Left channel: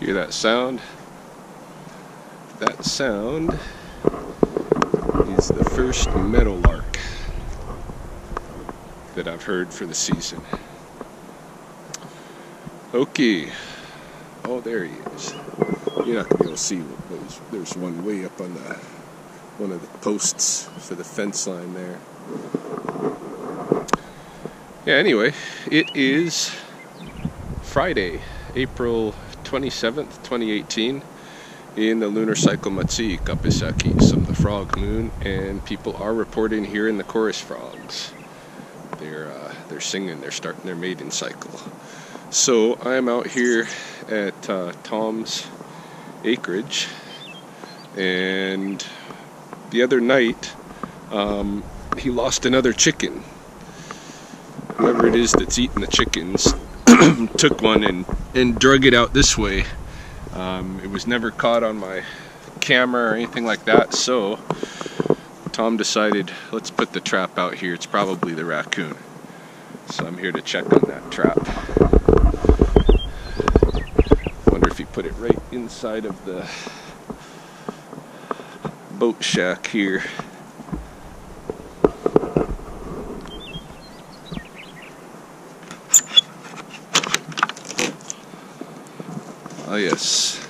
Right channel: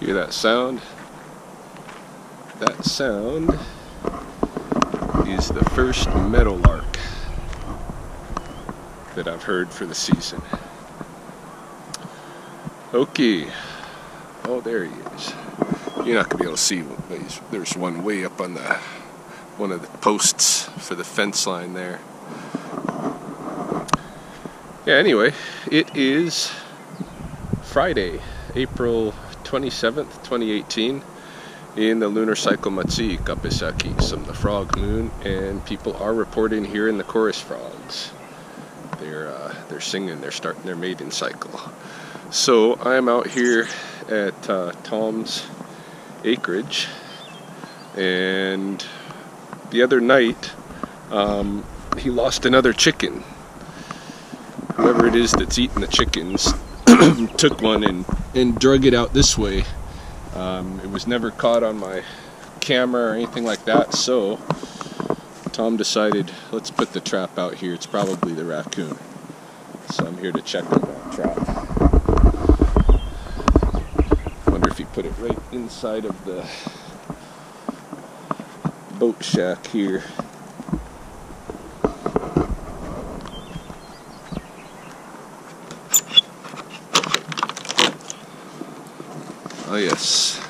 Hear that sound? That sound is the first meadowlark that I've heard for the season. Okay. Oh, there he is. You're not going to be able to see, there's one way up on one of the posts for the fence line there. Yeah, anyway, it is Friday, April 27th, 2018, in the lunar cycle Matsui Kapisaki, some the frog moon, and people are reporting here in the chorus frogs. They're singing, they're starting their mating cycle. So I'm out here at Tom's acreage, and the other night he lost another chicken. Whoever it is that's eating the chickens took one and drug it out this way. It was never caught on my camera or anything like that, so Tom decided, let's put the trap out here. It's probably the raccoon. So I'm here to check on that trap. Wonder if he put it right inside of the boat shack here. Oh yes.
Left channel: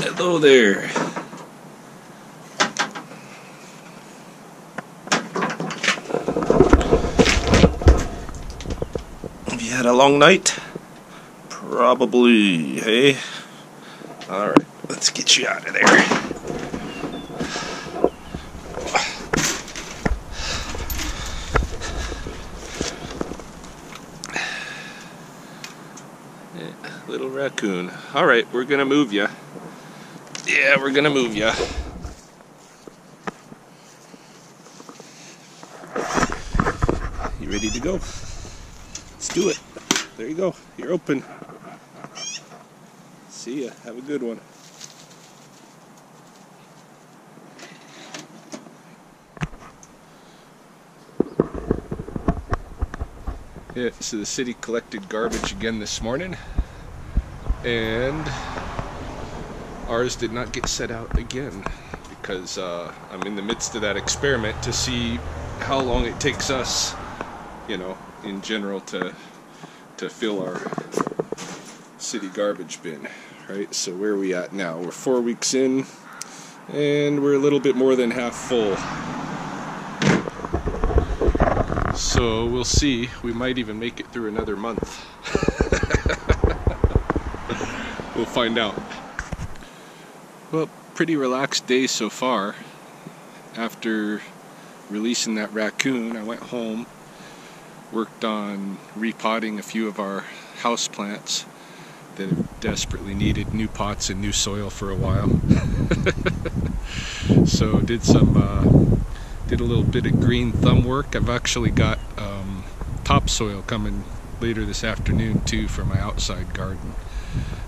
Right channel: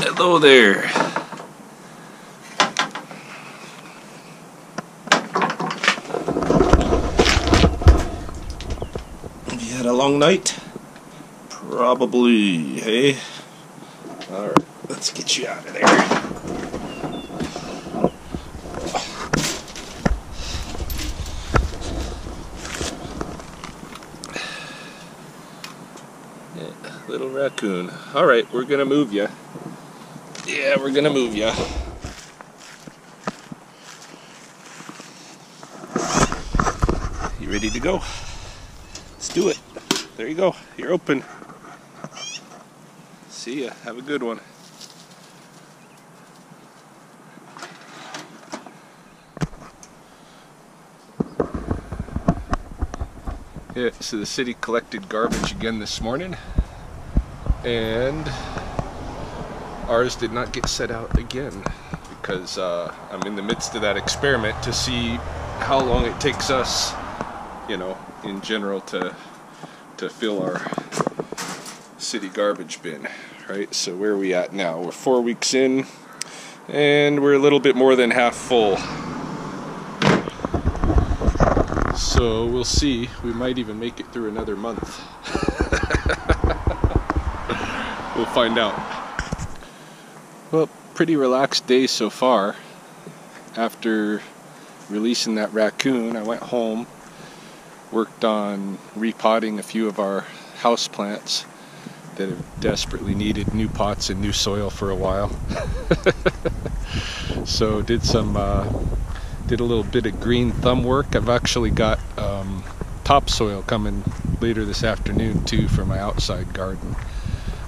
Hello there. Have you had a long night? Probably, hey? Alright, let's get you out of there. Little raccoon. Alright, we're gonna move ya. Yeah, we're gonna move ya. You ready to go? Let's do it. There you go. You're open. See ya. Have a good one. Yeah, so the city collected garbage again this morning, and ours did not get set out again because I'm in the midst of that experiment to see how long it takes us, you know, in general to fill our city garbage bin, right? So where are we at now? We're 4 weeks in, and we're a little bit more than half full. So we'll see. We might even make it through another month. We'll find out. Well, pretty relaxed day so far. After releasing that raccoon, I went home, worked on repotting a few of our house plants that have desperately needed new pots and new soil for a while. So did a little bit of green thumb work. I've actually got topsoil coming later this afternoon too for my outside garden.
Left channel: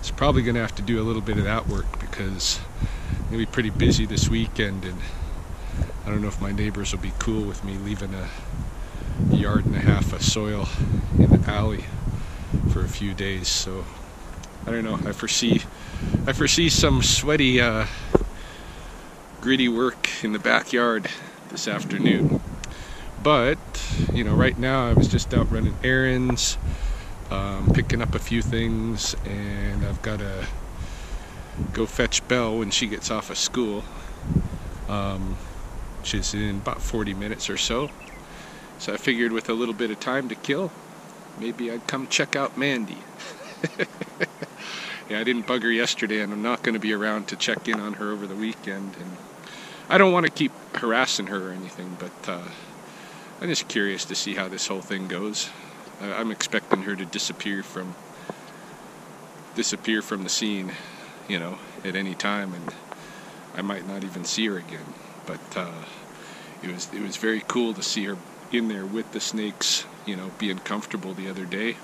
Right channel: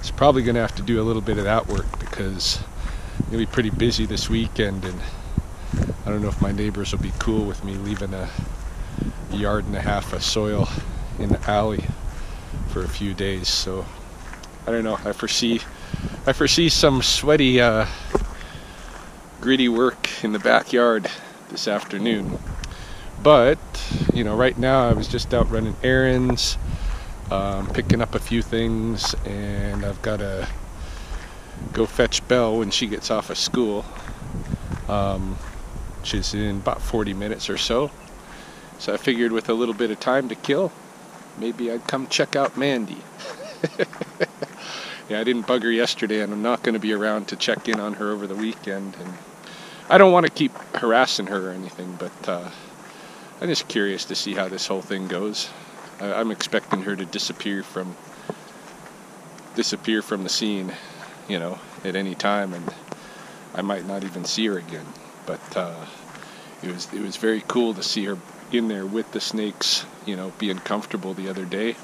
So probably gonna have to do a little bit of that work because I'm gonna be pretty busy this weekend, and I don't know if my neighbors will be cool with me leaving a yard and a half of soil in the alley for a few days. So I don't know. I foresee some sweaty, gritty work in the backyard this afternoon. But you know, right now I was just out running errands, picking up a few things, and I've got to go fetch Belle when she gets off of school. She's in about 40 minutes or so. So I figured with a little bit of time to kill, maybe I'd come check out Mandy. Yeah, I didn't bug her yesterday, and I'm not going to be around to check in on her over the weekend. And I don't want to keep harassing her or anything, but I'm just curious to see how this whole thing goes. I'm expecting her to disappear from the scene, you know, at any time, and I might not even see her again. But it was very cool to see her in there with the snakes, you know, being comfortable the other day,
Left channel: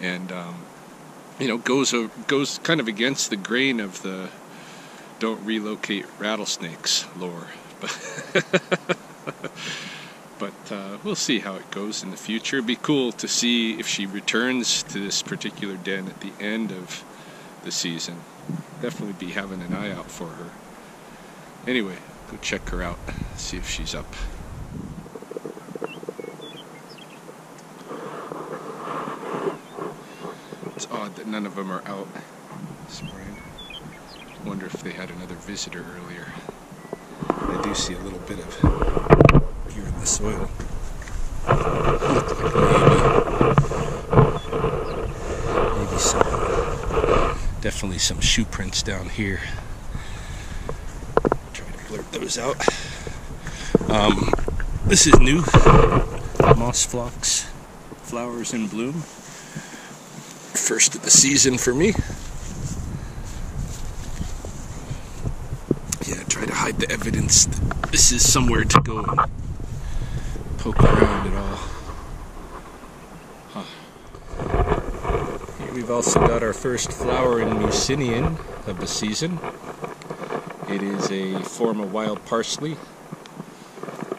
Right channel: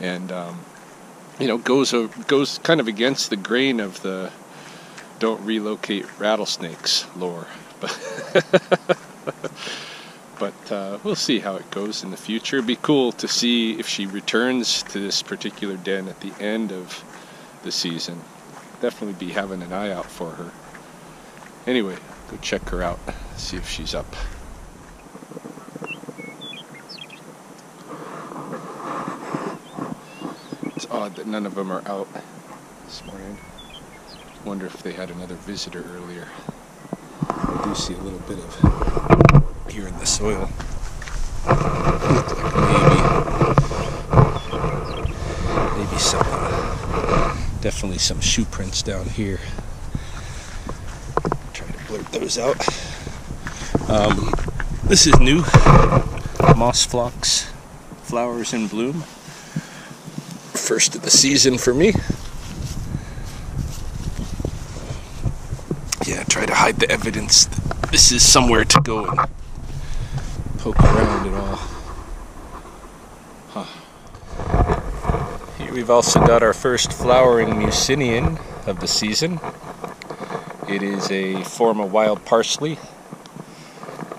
and you know, goes kind of against the grain of the don't relocate rattlesnakes lore, but we'll see how it goes in the future. It'd be cool to see if she returns to this particular den at the end of the season. Definitely be having an eye out for her. Anyway, go check her out, see if she's up. It's odd that none of them are out this morning. Wonder if they had another visitor earlier. I do see a little bit of here in the soil. Look like maybe some definitely some shoe prints down here. Try to blurt those out. This is new. Moss phlox flowers in bloom. First of the season for me. Yeah, try to hide the evidence that this is somewhere to go and poke around at all. Huh. Here we've also got our first flowering Mucinian of the season. It is a form of wild parsley.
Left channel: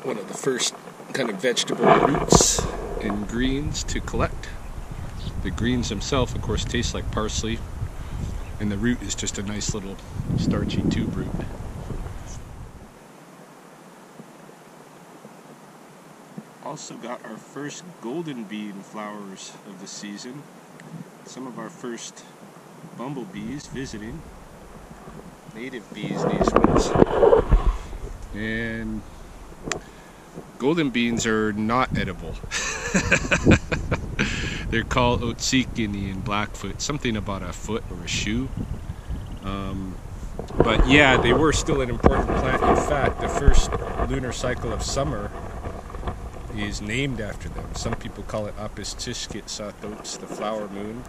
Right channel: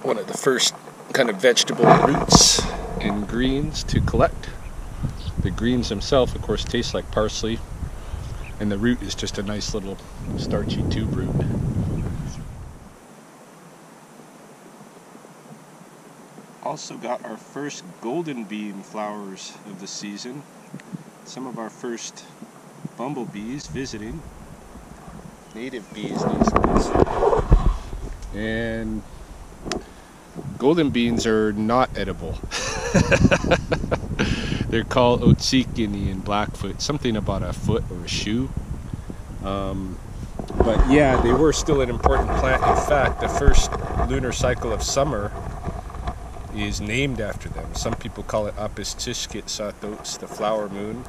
One of the first kind of vegetable roots and greens to collect. The greens themselves, of course, taste like parsley, and the root is just a nice little starchy tube root. Also got our first golden bean flowers of the season. Some of our first bumblebees visiting. Native bees, these ones. And golden beans are not edible. They're called otsikini in Blackfoot, something about a foot or a shoe. But yeah, they were still an important plant. In fact, the first lunar cycle of summer is named after them. Some people call it Apistishkit Satos, the flower moon.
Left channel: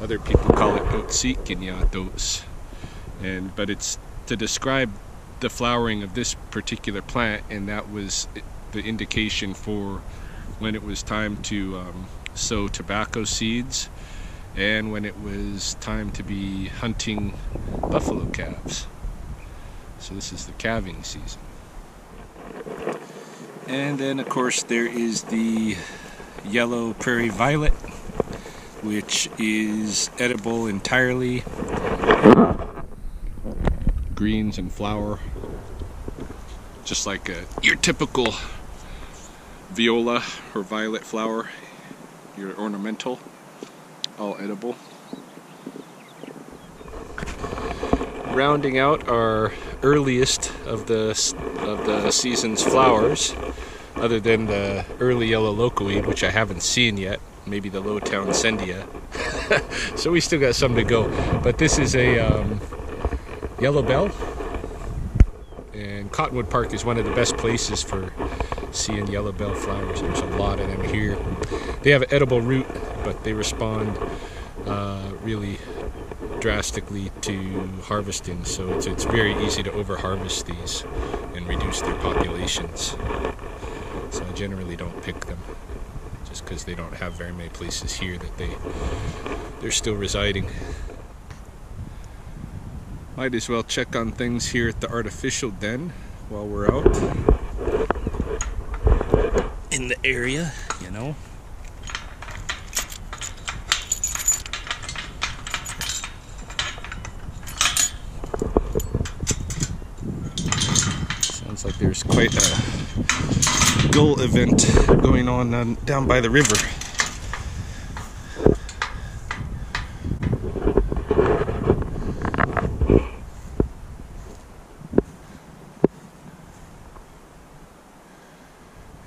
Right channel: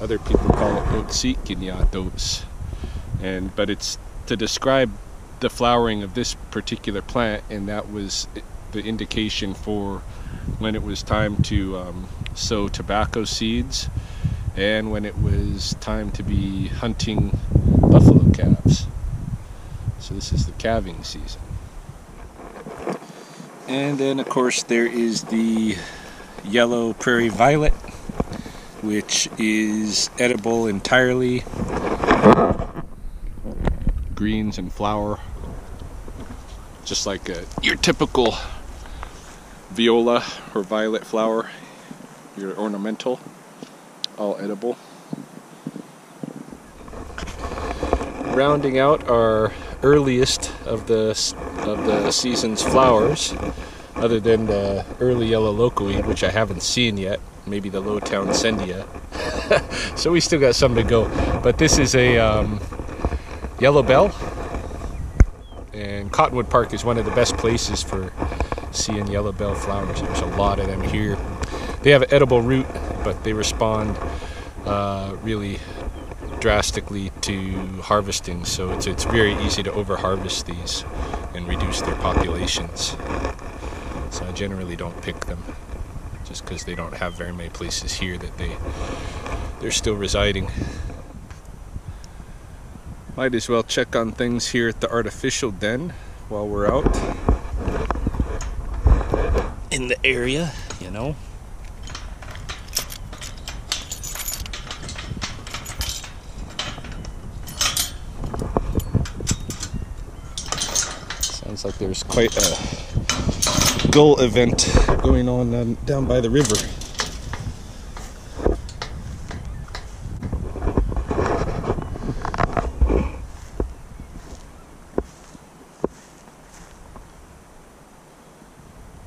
Other people call it Otsikinyatos. But it's to describe the flowering of this particular plant, and that was the indication for when it was time to sow tobacco seeds and when it was time to be hunting buffalo calves. So this is the calving season. And then of course there is the yellow prairie violet, which is edible entirely. Greens and flower, just like your typical viola or violet flower, your ornamental, all edible. Rounding out our earliest of the season's flowers, other than the early yellow locoweed, which I haven't seen yet, maybe the Lowtown Sendia. So we still got some to go. But this is a yellow bell, and Cottonwood Park is one of the best places for seeing yellow bell flowers. There's a lot of them here. They have an edible root, but they respond really drastically to harvesting, so it's very easy to over harvest these and reduce their populations. So I generally don't pick them, just because they don't have very many places here that they're still residing. Might as well check on things here at the artificial den while we're out in the area, you know. Sounds like there's quite a gull event going on down by the river.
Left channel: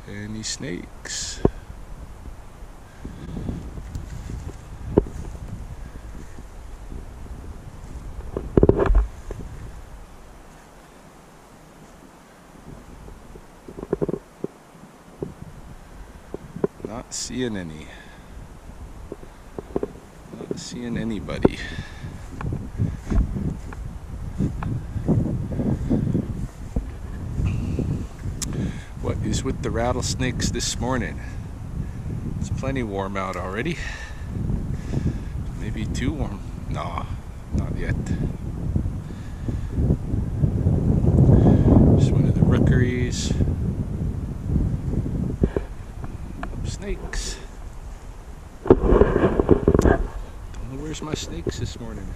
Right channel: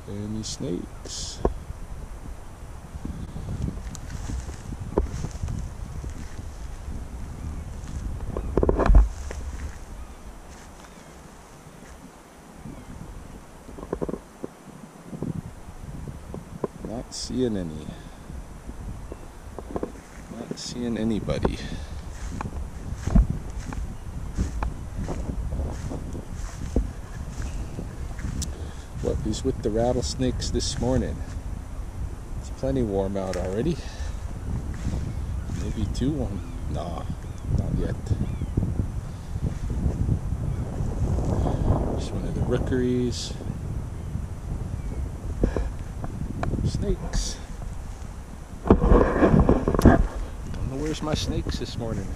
Any snakes? Not seeing any. Not seeing anybody. What is with the rattlesnakes this morning? It's plenty warm out already. Maybe too warm. No, not yet. Just one of the rookeries. snakes. Don't know where's my snakes this morning.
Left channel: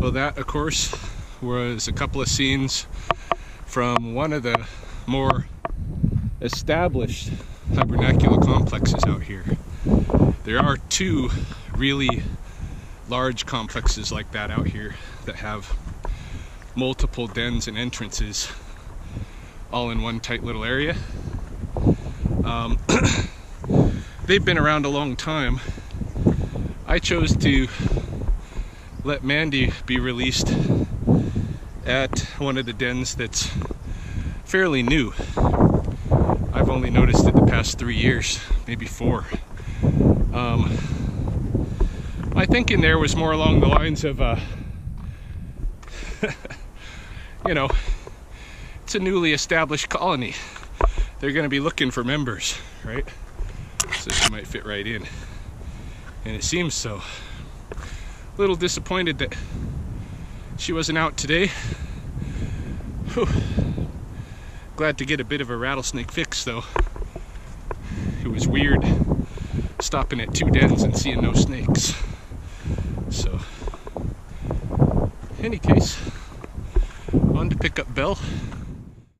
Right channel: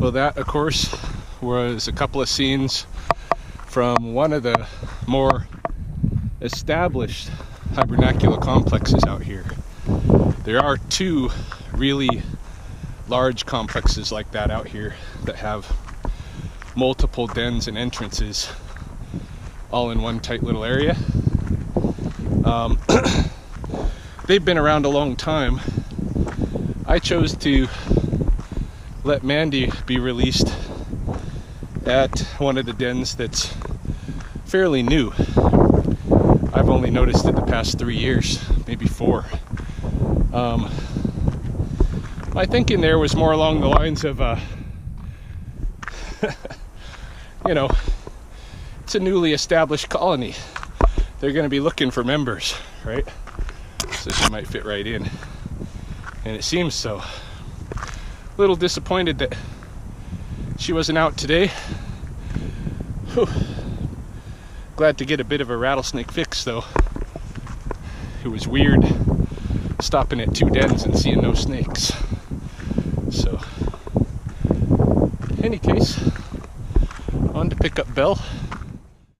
Well, that, of course, was a couple of scenes from one of the more established hibernacula complexes out here. There are two really large complexes like that out here that have multiple dens and entrances all in one tight little area. They've been around a long time. I chose to let Mandy be released at one of the dens that's fairly new. I've only noticed it the past 3 years, maybe 4. My thinking there was more along the lines of, you know, it's a newly established colony. They're going to be looking for members, right? So she might fit right in. And it seems so. A little disappointed that she wasn't out today. Whew. Glad to get a bit of a rattlesnake fix though. It was weird stopping at 2 dens and seeing no snakes. So, in any case, on to pick up Belle.